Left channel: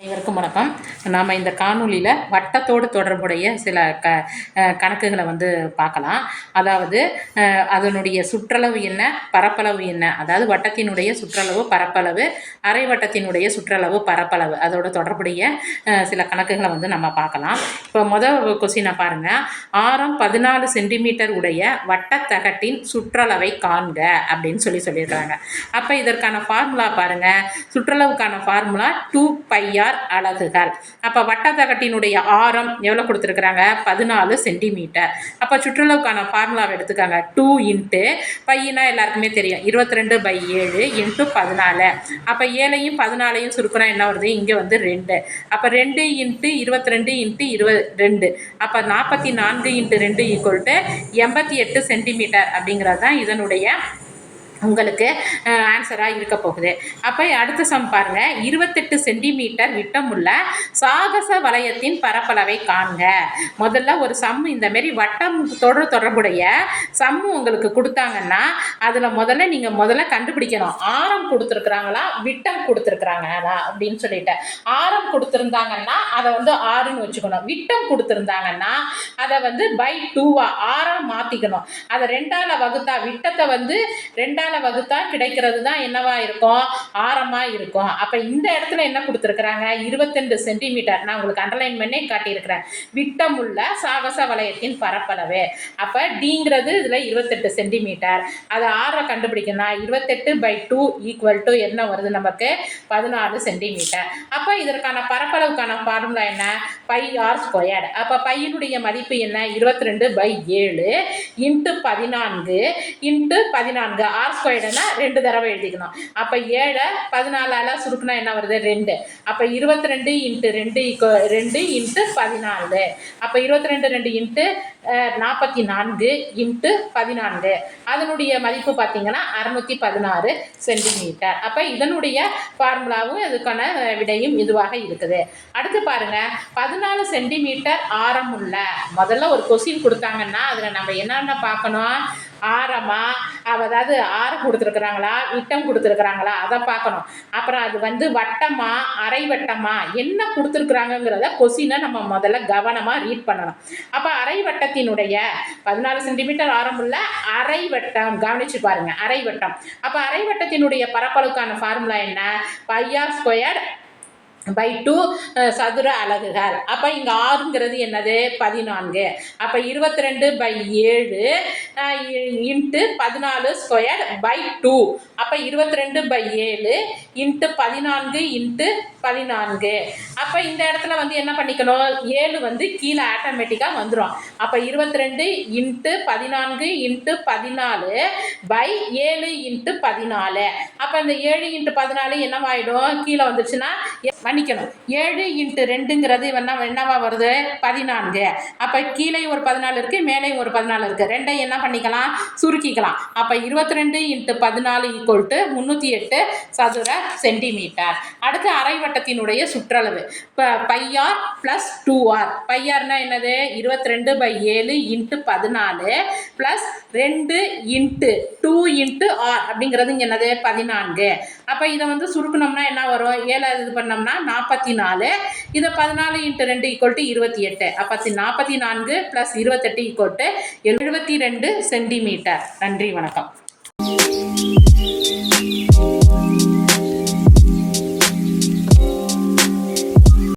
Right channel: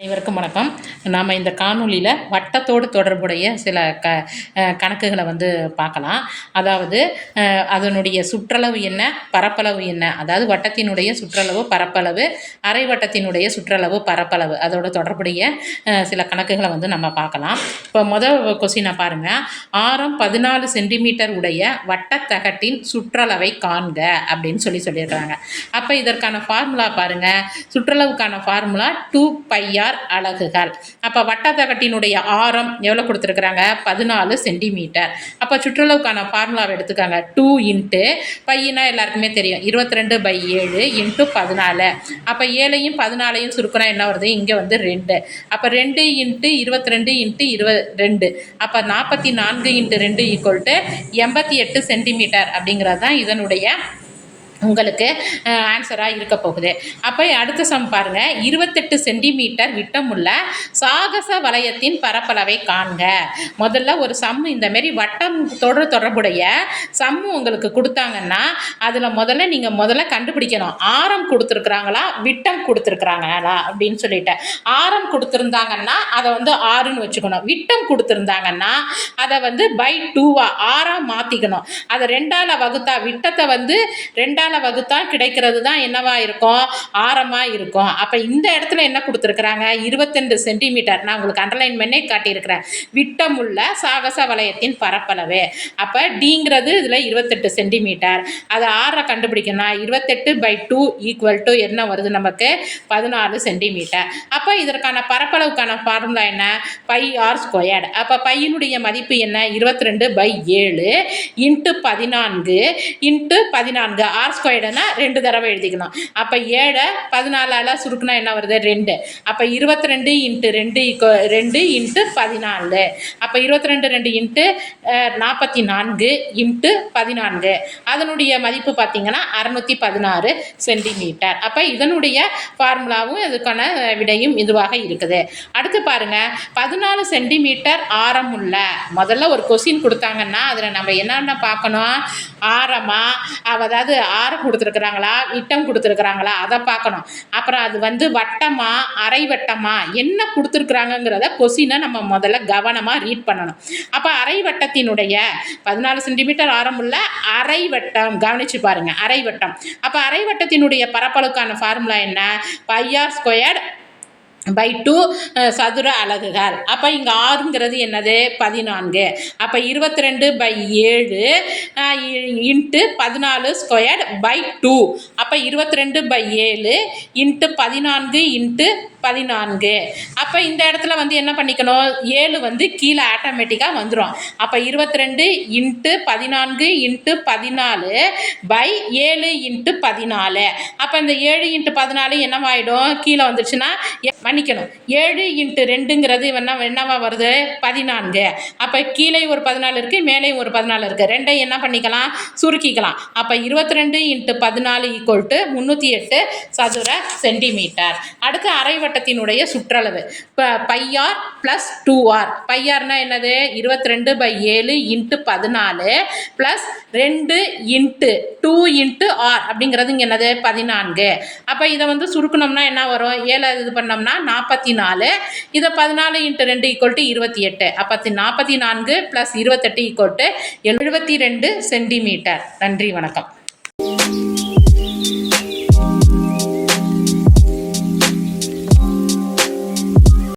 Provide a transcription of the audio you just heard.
அனைவருக்கும் வணக்கம். நாம் இந்த காணொலியில் வட்டத்தோடு தொடர்புடைய சில கணக்குகளை பார்க்கலாம். அதாவது அதனுடைய சுற்றளவு என்ன, பரப்பளவு என்ன, அதாவது வட்டத்தினுடைய சுற்றளவு, பரப்பளவு, அரை வட்டத்தினுடைய சுற்றளவு, பரப்பளவு, அதோட தொடர்புடைய சில கணக்குகளை நம்ம பார்க்கலாம். இப்போ முதல் கொஸ்டினை பாருங்கள். ஆரம் 14 சென்டிமீட்டர் உடைய வட்டத்தகட்டின் சுற்றளவை காண்க அப்படின்னு சொல்லியிருக்காங்க. அப்போ இதற்கான ஃபார்முலா பாருங்கள். சுற்றளவுக்கான ஃபார்முலா 2πr அலகுகள். அப்ப வட்டத்தகட்டினுடைய ஆரம் எவ்வளவு கொடுத்திருக்காங்க? 14 சென்டிமீட்டர். அப்ப சுற்றளவுக்கான ஃபார்முலாவை எடுத்துக்காங்க. 2 இன்ட்டு பையனா எல்லாருக்குமே தெரியும் 22/7 இன்ட்டு 14. அப்ப 7ஐயும் 14ஐயும் சுருக்கினா என்ன வருது? இங்க 2. அப்ப 2 இன்ட்டு 22 இன்ட்டு 22. அப்ப 44 இன்ட்டு 2 = 88 சென்டிமீட்டர் அப்படிங்கிறது தான் இதனுடைய உங்களுக்கு ஆன்சராக இருக்க போகுது. அப்போ அடுத்த சம் பாருங்க. 28 சென்டிமீட்டர் விட்டமுள்ள சாகச வளையத்தின் பரப்பளவை காண்க. முதல்ல ஒரு சம் இந்த மாதிரி வட்டத்தோடு தொடர்புடைய சம் உங்களுக்கு கொடுத்தாங்கன்னா அதில் முதல்ல கண்டுபிடிக்கணும். ஆரம் கொடுத்துருக்குறாங்களா, விட்டம் கொடுத்துருக்குறாங்களா அப்படின்னு சொல்லிட்டு. ஆரம் கொடுத்துருந்தாங்கன்னா அதை 6ன்னு வச்சுக்கணும். விட்டம் கொடுத்துருந்தாங்கன்னா அதை /2 ஆறாக மாற்றிக்கணும். அதை 2ஆல் வகுத்தா விட்டத்தை 2ஆல் வகுத்தா கிடைக்கிறது தான் என்னவா இருக்கும்? ஆரமா இருக்கும். அப்ப இந்த இடத்துல என்ன கொடுத்திருக்காங்க? 22 சென்டிமீட்டர். நான் உங்களுக்கு அண்டர்லைன் பண்ணி காட்டியிருக்கிறேன். விட்டமுள்ள சாகச வளையத்தின் பரப்பளவு. அப்ப டிங்கிறது இதுல 28 சென்டிமீட்டர். அது ஆற கண்டுபிடிக்கணும். 28/2 = என்ன வருது நமக்கு? 14 சென்டிமீட்டர். அப்ப இதற்கான பரப்பளவுக்கான ஃபார்முலா என்ன? πr². அப்ப பையனுடைய மதிப்பு என்ன? 22/7 இன்ட்டு 14 இன்ட்டு 14. r² 2 தடவை எழுதிக்கணும். அப்ப 7 14ஆல சுருக்குனா என்ன வருது? 2. அப்ப 22 இன்ட்டு 2 இன்ட்டு 14. அப்ப 22 2 இன்ட்டு 44 இன்ட்டு 14. அதனுடைய மதிப்பு பார்த்தீங்கன்னா 616 சென்டிமீட்டர். அப்ப இதனுடைய ஃபார்முலாவும் இதுக்கான விடையும் இதுவாக இருக்குது. அடுத்து பாருங்க. 14 சென்டிமீட்டர் ஆரமுள்ள முதல்ல ஒரு கொஸ்டின் கொடுத்தாங்கன்னா அதில் நம்ம என்னென்ன பார்க்கணும்? ஆரமா, அதாவது ஆரம் கொடுத்துருக்குறாங்களா, விட்டம் கொடுத்துருக்குறாங்களா, அதை பார்க்கணும். அப்புறம் அது வட்டமா, அரை வட்டமா, என்ன கொடுத்துருக்குறாங்கிறத கொஸ்டினை நம்ம முதல்ல கவனமாக ரீட் பண்ணணும். அப்போ அரை வட்டத்தினுடைய 14 சென்டிமீட்டர் ஆரமுள்ள அரை வட்டம் கவனிச்சு பாருங்க. அரை வட்டம். அப்போ அரை வட்டத்தினுடைய பரப்பளவுக்கான ஃபார்முலா என்ன? πr²/2 சதுர அலகுகள். அப்போ இங்கே ஆறுங்கிறது என்னது? 14. அப்போ 22/7 இன்ட்டு 14² அப்போ 22/7 இன்ட்டு 14 இன்ட்டு 14. அப்போ இந்த இடத்துல என்ன பண்ணிக்கணும்? 7 கீழே ஆட்டோமேட்டிக்காக வந்துடும். அப்போ 22 இன்ட்டு 14 இன்ட்டு 14/7 இன்ட்டு 14. அப்போ இந்த 7 இன்ட்டு 14 என்னவாயிடும்? கீழே வந்துச்சுன்னா மன்னிக்கணும். 7 இன்ட்டு 2ங்கிறது என்னவா வருது? 14. அப்போ கீழே ஒரு 14 இருக்கு, மேலே ஒரு 14 இருக்கு. ரெண்டையும் என்ன பண்ணிக்கலாம்? சுருக்கிக்கலாம். அப்போ 22 இன்ட்டு 14 = 308 சதுர சென்டிமீட்டர். அடுத்து அரை வட்டத்தினுடைய சுற்றளவு πr + 2r. πrனா என்னது? 22/7 இன்ட்டு 14 + 2 இன்ட்டு 2 இன்ட்டு r அப்படிங்கிறது இங்கே என்னது? 14. அப்போ இதை சுருக்கணும்னா என்ன வரும்? 7 இது பண்ணோம்னா 44. இதை 14 இன்ட்டு 2 = 28. அப்போ 44 + 28 = 72 சென்டிமீட்டர். நன்றி, வணக்கம்.